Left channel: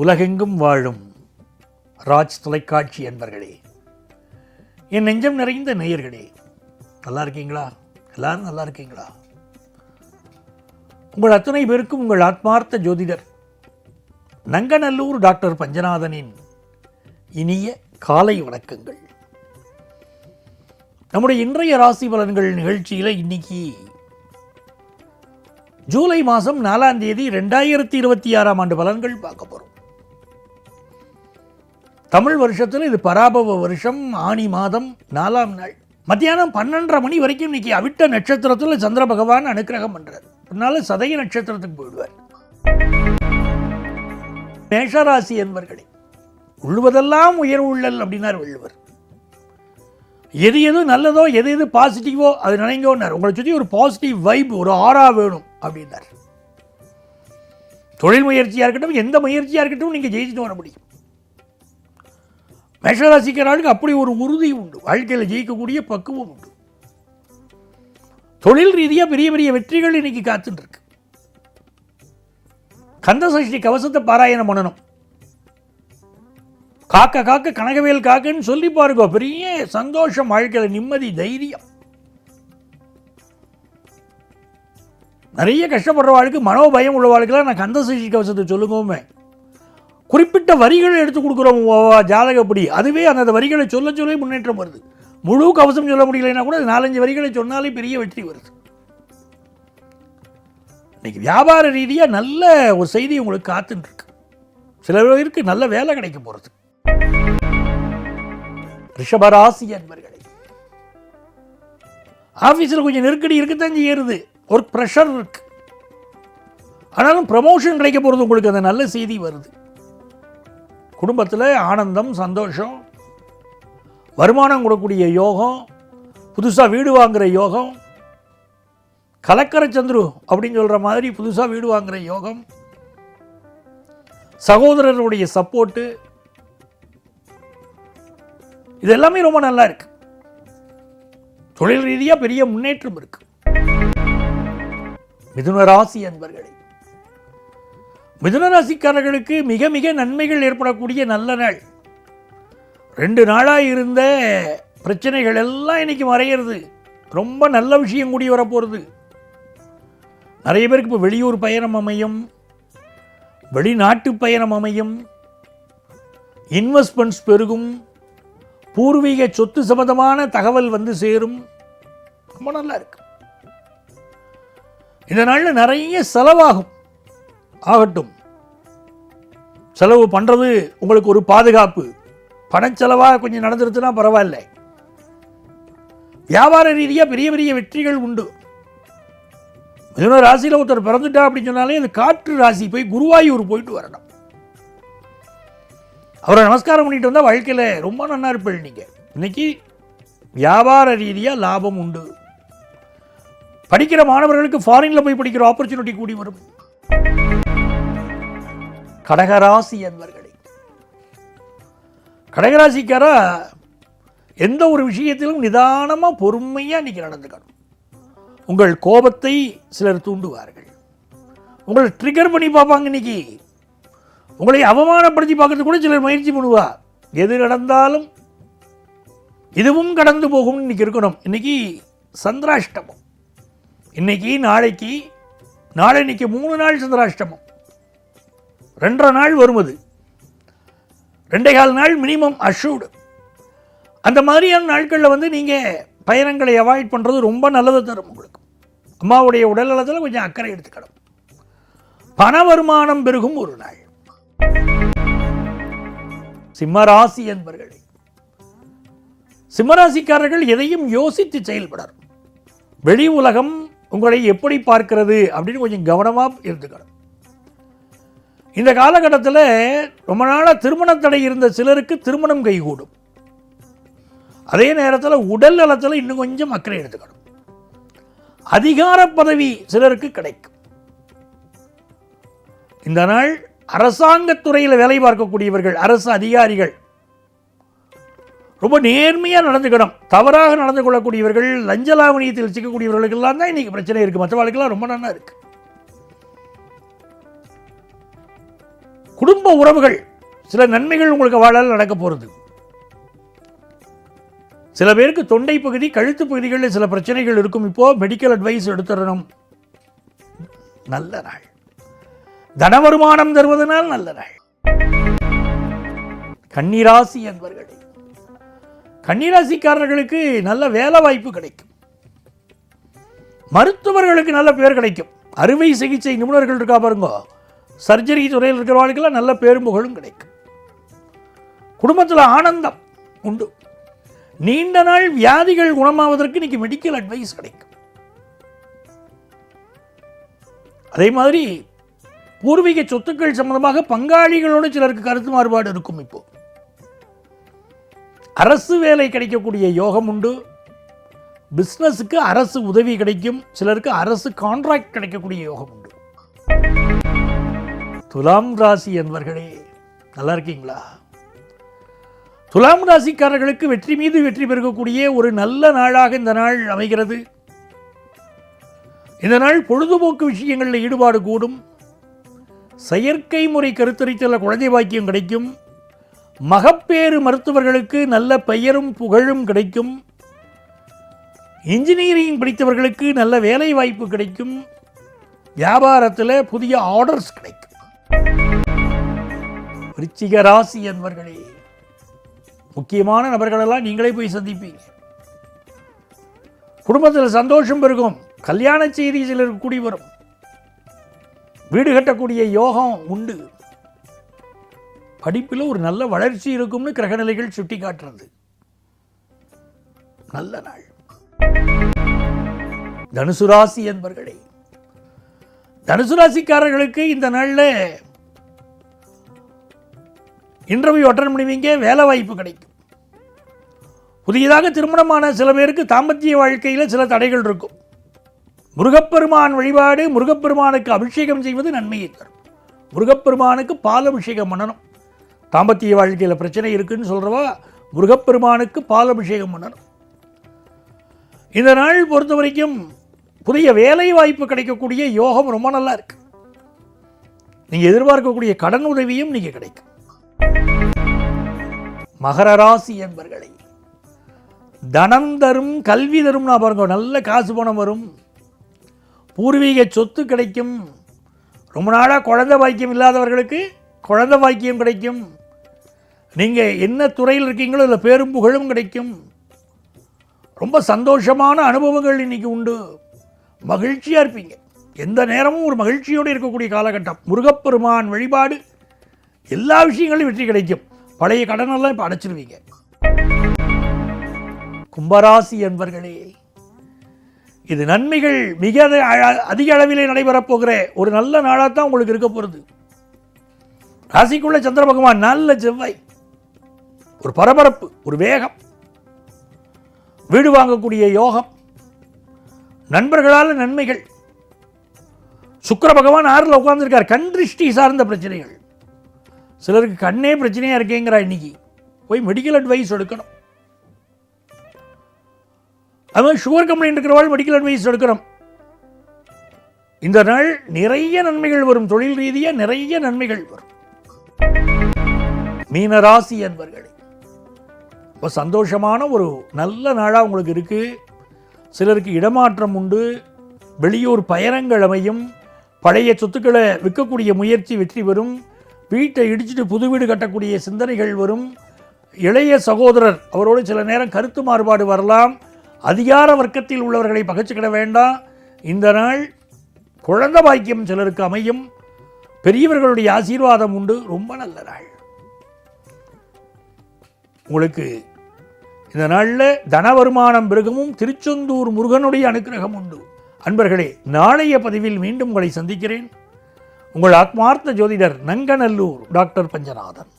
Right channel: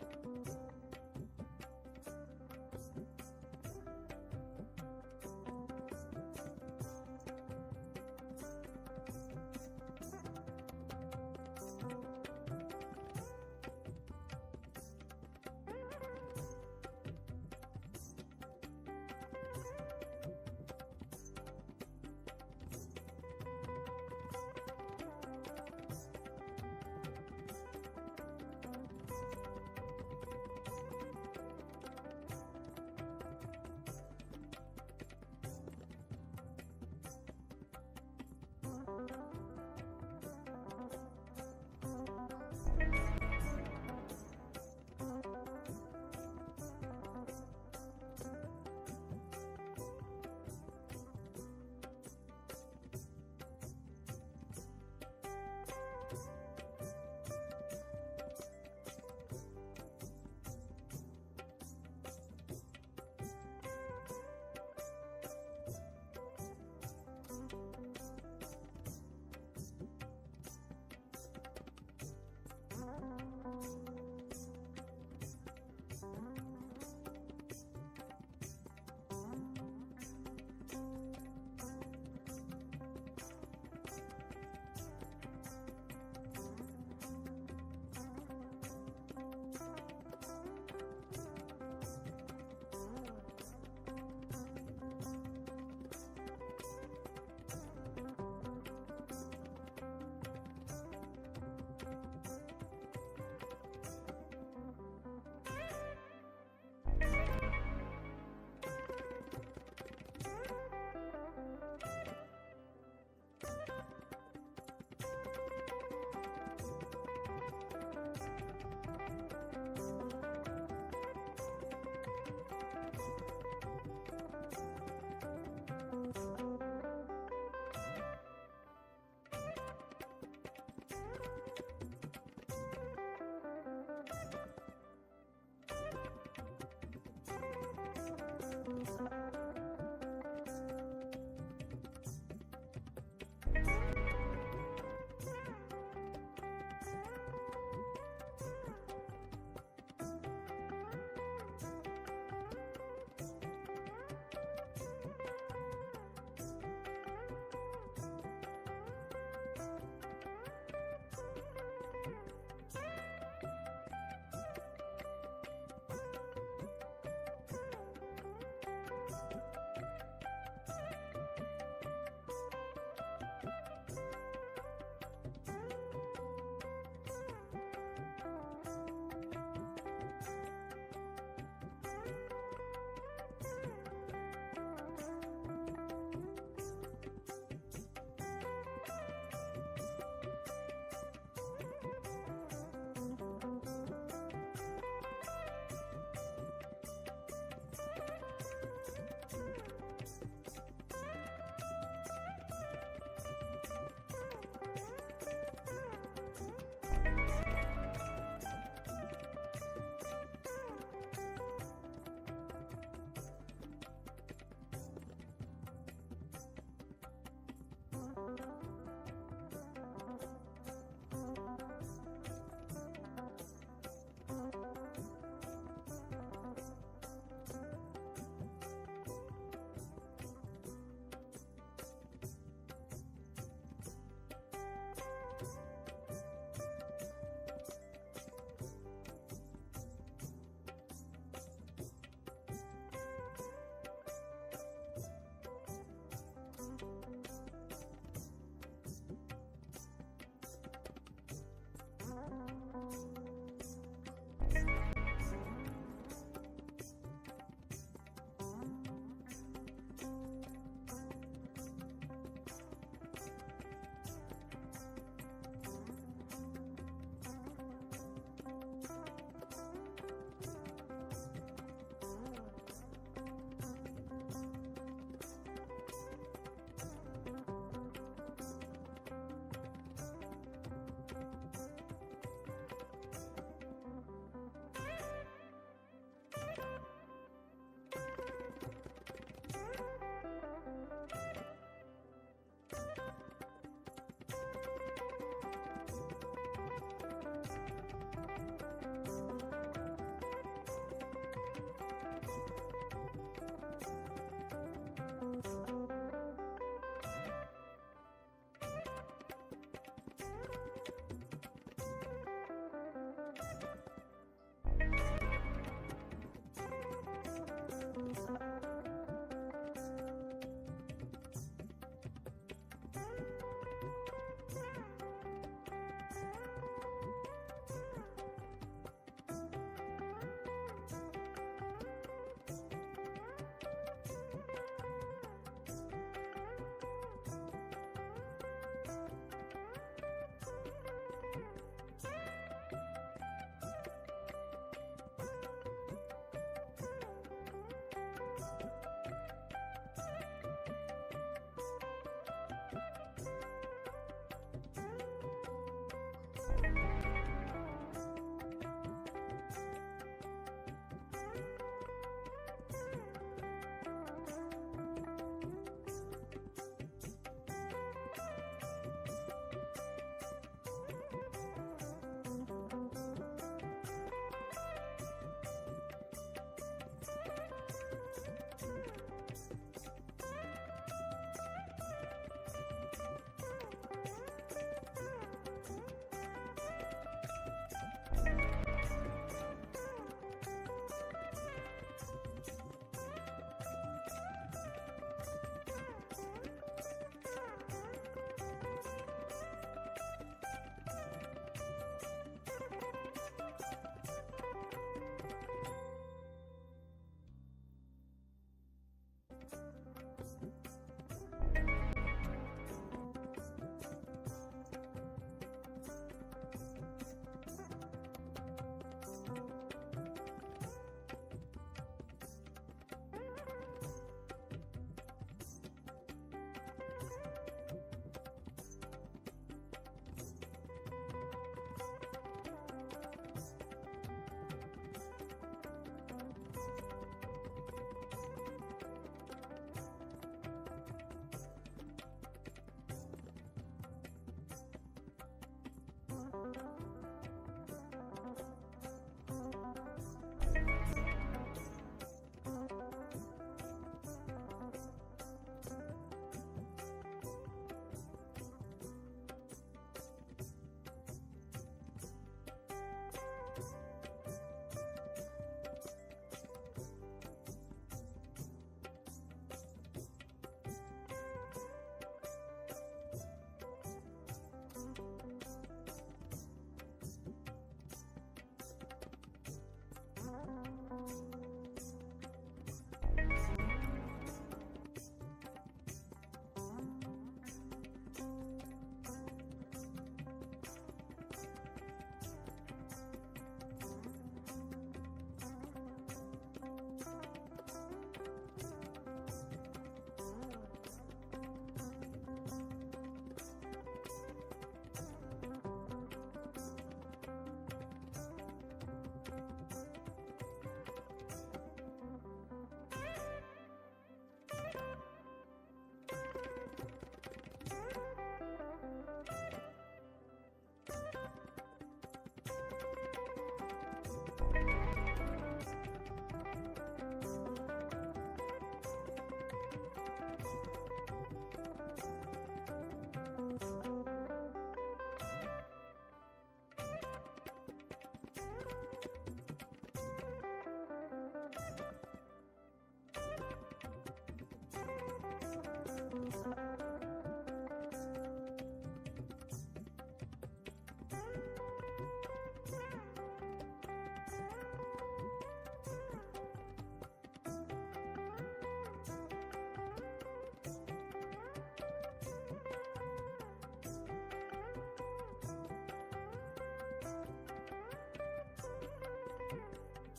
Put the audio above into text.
உலகெங்கும் வாழும் ராஜ் தொலைக்காட்சி என்பர்களே, என் நெஞ்சம் நிறைந்த நேயர்களே, நல்லா இருக்கீங்களா? எல்லாரும் நல்லா இருக்கீங்களா? உங்கள் அத்தனை பேருக்கும் உங்கள் ஆத்மார்த்த ஜோதிடர் நங்கநல்லூர் டாக்டர் பஞ்சநாதனின் இனிய காலை வணக்கங்கள். நம்முடைய இன்றைய ராசி பலன்கள் நிகழ்ச்சியில் இன்னைக்கு ஜூலை மாதம் 4ஆம் தேதி 2026ஆம் ஆண்டு பலன்கள் பார்க்க போகிறோம். தமிழ் வருஷத்தில் இது பராபவ வருஷம், ஆனி மாதம் 4ஆம் நாள் மத்தியானம் 12:30 மணி வரைக்கும் இன்னைக்கு அவிட்ட நட்சத்திரத்தில் சந்திர பகவான் அனுக்கிரகம் பண்றார். அதனால சதய நட்சத்திரத்துக்கு போயிடுவார். மேஷராசி என்பர்களே, உள்ளுவதெல்லாம் உயர்வு உள்ளல் அப்படின்னார் வள்ளுவர். எது எது நல்லதோ, எது எது பாசிட்டிவோ அது நினைங்கோன்னார். உங்களை சுற்றி ஒரு பாசிட்டிவ் வைப், ஒரு ஆரா வேணும் அப்படின்னார். தொழில் முயற்சியாக இருக்கட்டும், எந்த முயற்சியாக இருக்கட்டும், நீங்கள் ஜெயிச்சுட்டு வர முடியும். மேஷராசிக்காரர்களுக்கு அப்படி ஒரு உறுதி உண்டு, வாழ்க்கையில் ஜெயிக்கக்கூடிய பக்குவம் உண்டு. தொழில் ரீதியாக பெரிய பெரிய வெற்றிகள் இன்னைக்கு காத்துட்டு இருக்கு. கந்தசஷ்டி கவசத்தை பாராயணம் பண்ணணும். காக்க காக்க கனகவேல் காக்கன்னு சொல்லி பாருங்க, பெரிய சந்தோஷம், வாழ்க்கையில் நிம்மதி, தைரியம். நிறைய கஷ்டப்படுறவாளுக்கு, மனோபயம் உள்ளவாளுக்கெல்லாம் நான் கந்தசஷ்டி கவசத்தை சொல்லுங்கோமே. குறிப்பிட்ட வரிகளை எடுத்து கொடுக்குறோம் ஜாதகப்படி, அதுவே அந்த வரிகளை சொல்ல சொல்ல முன்னேற்றம் வருது. முழு கவசம் சொல்ல முடியலைன்னா கூட 4-5 வரிகளை சொன்னாலே பெரிய வெற்றி வருது. இன்னைக்கு வியாபார ரீதியாக நல்ல ஒரு செய்தி உங்களுக்கு காத்துட்டு இருக்கு. சில பேருக்கு நல்ல வேலை கிடைக்க போறது. ரிஷபராசி என்பர்களே, ஆபீஸில் கொஞ்சம் நெருக்கடி இருக்கத்தான் செய்யுது, ஒர்க் ப்ரெஷர் இருக்கு. ஆனாலும் ப்ரமோஷன் கிடைக்க போறது, உங்களுக்கு அந்த நல்ல செய்தி வருது. குடும்பத்தில் ஆனந்தம், சந்தோஷம், வருமானம் கொடுக்கக்கூடிய யோகம், புதுசாக வீடு வாங்குகிற யோகம், கலக்கர சந்துரு அப்படின்னு சொல்கிற மாதிரி புதுசாக வீடு வாங்குகிற யோகம், சகோதரருடைய சப்போர்ட்டு, இது எல்லாமே ரொம்ப நல்லா இருக்கு. தொழில் ரீதியாக பெரிய முன்னேற்றம் இருக்கு. மிதுன ராசி என்பர்களே, மிதுன ராசிக்காரர்களுக்கு மிக மிக நன்மைகள் ஏற்படக்கூடிய நல்ல நாள். 2 நாளாக இருந்த பிரச்சனைகள் எல்லாம் இன்னைக்கு மறையிறது. ரொம்ப நல்ல விஷயம் கூடி வரப்போகிறது. நிறைய பேருக்கு இப்போ வெளியூர் பயணம் அமையும், வெளிநாட்டு பயணம் அமையும், இன்வெஸ்ட்மெண்ட்ஸ் பெருகும், பூர்வீக சொத்து சம்பந்தமான தகவல் வந்து சேரும். ரொம்ப நல்லா இருக்கு. இந்த நாளில் நிறைய செலவாகும். ஆகட்டும், செலவு பண்ணுறது உங்களுக்கு ஒரு பாதுகாப்பு. பணச்செலவாக கொஞ்சம் நடந்துருச்சுன்னா பரவாயில்ல. வியாபார ரீதியாக பெரிய பெரிய வெற்றிகள் உண்டு. மிதுன ராசியில் ஒருத்தர் பிறந்துட்டா அப்படின்னு சொன்னாலே அது காற்று ராசி, போய் குருவாயூர் போயிட்டு வரணும். அவரை நமஸ்காரம் பண்ணிட்டு வந்தால் வாழ்க்கையில் ரொம்ப நல்லா இருப்பீங்க. நீங்கள் இன்னைக்கு வியாபார ரீதியாக லாபம் உண்டு. படிக்கிற மாணவர்களுக்கு ஃபாரின்ல போய் படிக்கிற ஆப்பர்ச்சுனிட்டி கூடி வரும். கடகராசி என்பர்களே, கடகராசிக்காரா எந்த ஒரு விஷயத்திலும் நிதானமாக பொறுமையாக இன்னைக்கு நடந்துக்கணும். உங்கள் கோபத்தை சிலர் தூண்டுவார்கள், உங்களை ட்ரிகர் பண்ணி பார்ப்பாங்க. இன்னைக்கு உங்களை அவமானப்படுத்தி பார்க்கறது கூட சிலர் முயற்சி பண்ணுவா. எது நடந்தாலும் இதுவும் கடந்து போகும் இன்னைக்கு இருக்கணும். இன்னைக்கு சந்திராஷ்டமம். இன்னைக்கு நாளைக்கு நாளைக்கு 3 நாள் சந்திராஷ்டமம். 2.5 நாள் வருவது, 2.25 நாள் மினிமம் அஷூடு. அந்த மாதிரியான நாட்களில் வந்து நீங்கள் பயணங்களை அவாய்ட் பண்ணுறது ரொம்ப நல்லது தரும். உங்களுக்கு அம்மாவுடைய உடல் நலத்தில் கொஞ்சம் அக்கறை எடுத்துக்கணும். பண வருமானம் பெருகும் ஒரு நாள். சிம்மராசி என்பர்களே, சிம்மராசிக்காரர்கள் எதையும் யோசித்து செயல்படணும். வெளி உலகம் உங்களை எப்படி பார்க்கிறது அப்படின்னு கொஞ்சம் கவனமாக இருந்துக்கணும். இந்த காலகட்டத்தில் ரொம்ப நாளாக திருமண தடை இருந்த சிலருக்கு திருமணம் கைகூடும். அதே நேரத்தில் உடல் நலத்தில் இன்னும் கொஞ்சம் அக்கறை எடுத்துக்கணும். அதிகார பதவி சிலருக்கு கிடைக்கும். இந்த நாள் அரசாங்கத்துறையில் வேலை பார்க்கக்கூடியவர்கள், அரசு அதிகாரிகள் ரொம்ப நேர்மையாக நடந்துக்கணும். தவறாக நடந்து கொள்ளக்கூடியவர்கள், லஞ்ச லாவணியத்தில் சிக்கக்கூடியவர்களுக்கெல்லாம் தான் இன்னைக்கு பிரச்சனை இருக்குது. மற்றவர்களுக்கெல்லாம் ரொம்ப நல்லா இருக்கு. குடும்ப உறவுகள் சில நன்மைகள் உங்களுக்கு வாழால் நடக்க போகிறது. சில பேருக்கு தொண்டை பகுதி கழுத்து பகுதிகளில் சில பிரச்சனைகள் இருக்கும். இப்போ மெடிக்கல் அட்வைஸ் எடுத்துடணும். நல்ல நாள். தன வருமானம் தருவதனால் நல்ல நாள். கன்னிராசி என்பவர்கள், கன்னிராசிக்காரர்களுக்கு நல்ல வேலை வாய்ப்பு கிடைக்கும். மருத்துவர்களுக்கு நல்ல பேர் கிடைக்கும். அறுவை சிகிச்சை நிபுணர்கள் இருக்கா பாருங்க, சர்ஜரி துறையில் இருக்கிறவர்களுக்கெல்லாம் நல்ல பேரும் புகழும் கிடைக்கும். குடும்பத்தில் ஆனந்தம் உண்டு. நீண்ட நாள் வியாதிகள் குணமாவதற்கு இன்னைக்கு மெடிக்கல் அட்வைஸ் கிடைக்கும். அதே மாதிரி பூர்வீக சொத்துக்கள் சம்பந்தமாக பங்காளிகளோடு சிலருக்கு கருத்து மாறுபாடு இருக்கும். இப்போ அரசு வேலை கிடைக்கக்கூடிய யோகம் உண்டு. பிசினஸுக்கு அரசு உதவி கிடைக்கும். சிலருக்கு அரசு கான்ட்ராக்ட் கிடைக்கக்கூடிய யோகம் உண்டு. துலாம் ராசி என்பவர்களே, நல்லா இருக்கீங்களா? துலாம் ராசிக்காரர்களுக்கு வெற்றி மீது வெற்றி பெருகக்கூடிய ஒரு நல்ல நாளாக இந்த நாள் அமைகிறது. இந்த நாள் பொழுதுபோக்கு விஷயங்களில் ஈடுபாடு கூடும். செயற்கை முறை கருத்தரித்தல் குழந்தை பாக்கியம் கிடைக்கும். மகப்பேறு மருத்துவர்களுக்கு நல்ல பெயரும் புகழும் கிடைக்கும். இன்ஜினியரிங் படித்தவர்களுக்கு நல்ல வேலை வாய்ப்பு கிடைக்கும். வியாபாரத்தில் புதிய ஆர்டர்ஸ் கிடைக்கும். விருச்சிக ராசி என்பவர்களே, முக்கியமான நபர்களெல்லாம் நீங்களே போய் சந்திப்பீங்க. குடும்பத்தில் சந்தோஷம் பெருகும். கல்யாண செய்தி சிலருக்கு கூடி வரும். வீடு கட்டக்கூடிய யோகம் உண்டு. படிப்பில் ஒரு நல்ல வளர்ச்சி இருக்கும்னு கிரகநிலைகள் சுட்டி காட்டுறது. நல்ல நாள். தனுசு ராசி என்பவர்களே, தனுசு ராசிக்காரர்களுக்கு இந்த நாளில் இன்டர்வியூ அட்டெண்ட் பண்ணுவீங்க. வேலை வாய்ப்பு கிடைக்கும். புதியதாக திருமணமான சில பேருக்கு தாம்பத்திய வாழ்க்கையில் சில தடைகள் இருக்கும். முருகப்பெருமான் வழிபாடு, முருகப்பெருமானுக்கு அபிஷேகம் செய்வது நன்மையை தரும். முருகப்பெருமானுக்கு பால் அபிஷேகம் பண்ணணும். தாம்பத்திய வாழ்க்கையில் பிரச்சனை இருக்குன்னு சொல்றவா முருகப்பெருமானுக்கு பால் அபிஷேகம் பண்ணணும். இந்த நாள் பொறுத்த வரைக்கும் புதிய வேலை வாய்ப்பு கிடைக்கக்கூடிய யோகம் ரொம்ப நல்லா இருக்கு. நீங்க எதிர்பார்க்கக்கூடிய கடன் உதவியும் நீங்க கிடைக்கும். மகர ராசி என்பவர்களை, தனம் தரும் கல்வி தரும். நான் பாருங்க, நல்ல காசு பணம் வரும். பூர்வீக சொத்து கிடைக்கும். ரொம்ப நாளாக குழந்தை பாக்கியம் இல்லாதவர்களுக்கு குழந்தை பாக்கியம் கிடைக்கும். நீங்கள் என்ன துறையில் இருக்கீங்களோ அதில் பேரும் புகழும் கிடைக்கும். ரொம்ப சந்தோஷமான அனுபவங்கள் இன்னைக்கு உண்டு. மகிழ்ச்சியாக இருப்பீங்க. எந்த நேரமும் ஒரு மகிழ்ச்சியோடு இருக்கக்கூடிய காலகட்டம். முருகப்பெருமான் வழிபாடு எல்லா விஷயங்களும் வெற்றி கிடைக்கும். பழைய கடனெல்லாம் இப்போ அடைச்சிருவீங்க. கும்பராசி என்பவர்களே, இது நன்மைகள் மிக அதிக அளவிலே நடைபெறப் போகிற ஒரு நல்ல நாளாக தான் உங்களுக்கு இருக்க போகிறது. ராசிக்குள்ள சந்திர பகவான், நல்ல செவ்வாய், ஒரு பரபரப்பு, ஒரு வேகம், வீடு வாங்கக்கூடிய யோகம், நண்பர்களால் நன்மைகள். சுக்கிர பகவான் 6ல் உட்கார்ந்துருக்கார். கண் திருஷ்டி சார்ந்த பிரச்சனைகள். சிலருக்கு கண்ணே பிரச்சனையா இருக்கேங்கிறா. இன்னைக்கு போய் மெடிக்கல் அட்வைஸ் எடுக்கணும். அது மாதிரி சுகர் கம்ப்ளைண்ட் இருக்கிறவாள் மெடிக்கல் அட்வைஸ் எடுக்கணும். இந்த நாள் நிறைய நன்மைகள் வரும். தொழில் ரீதியாக நிறைய நன்மைகள் வரும். மீனராசி என்பவர்களே, இப்போ சந்தோஷமான ஒரு நல்ல நாளாக உங்களுக்கு இருக்கு. சிலருக்கு இடமாற்றம் உண்டு. வெளியூர் பயணங்கள் அமையும். பழைய சொத்துக்களை விற்கக்கூடிய முயற்சி வெற்றி பெறும். வீட்டை இடிச்சுட்டு புது வீடு கட்டக்கூடிய சிந்தனைகள் வரும். இளைய சகோதரர், அவரோடு சில நேரம் கருத்து மாறுபாடு வரலாம். அதிகார வர்க்கத்தில் உள்ளவர்களை பகைச்சுக்கிட வேண்டாம். இந்த நாள் குழந்தை பாக்கியம் சிலருக்கு அமையும். பெரியவர்களுடைய ஆசீர்வாதம் உண்டு. ரொம்ப நல்ல நாள் உங்களுக்கு. இந்த நாளில் தன வருமானம் பெருகமும் திருச்செந்தூர் முருகனுடைய அனுக்கிரகம் உண்டு. அன்பர்களே, நாளைய பதிவில் மீண்டும் உங்களை சந்திக்கிறேன். உங்கள் ஆத்மார்த்த ஜோதிடர் நங்கநல்லூர் டாக்டர் பஞ்சநாதன்.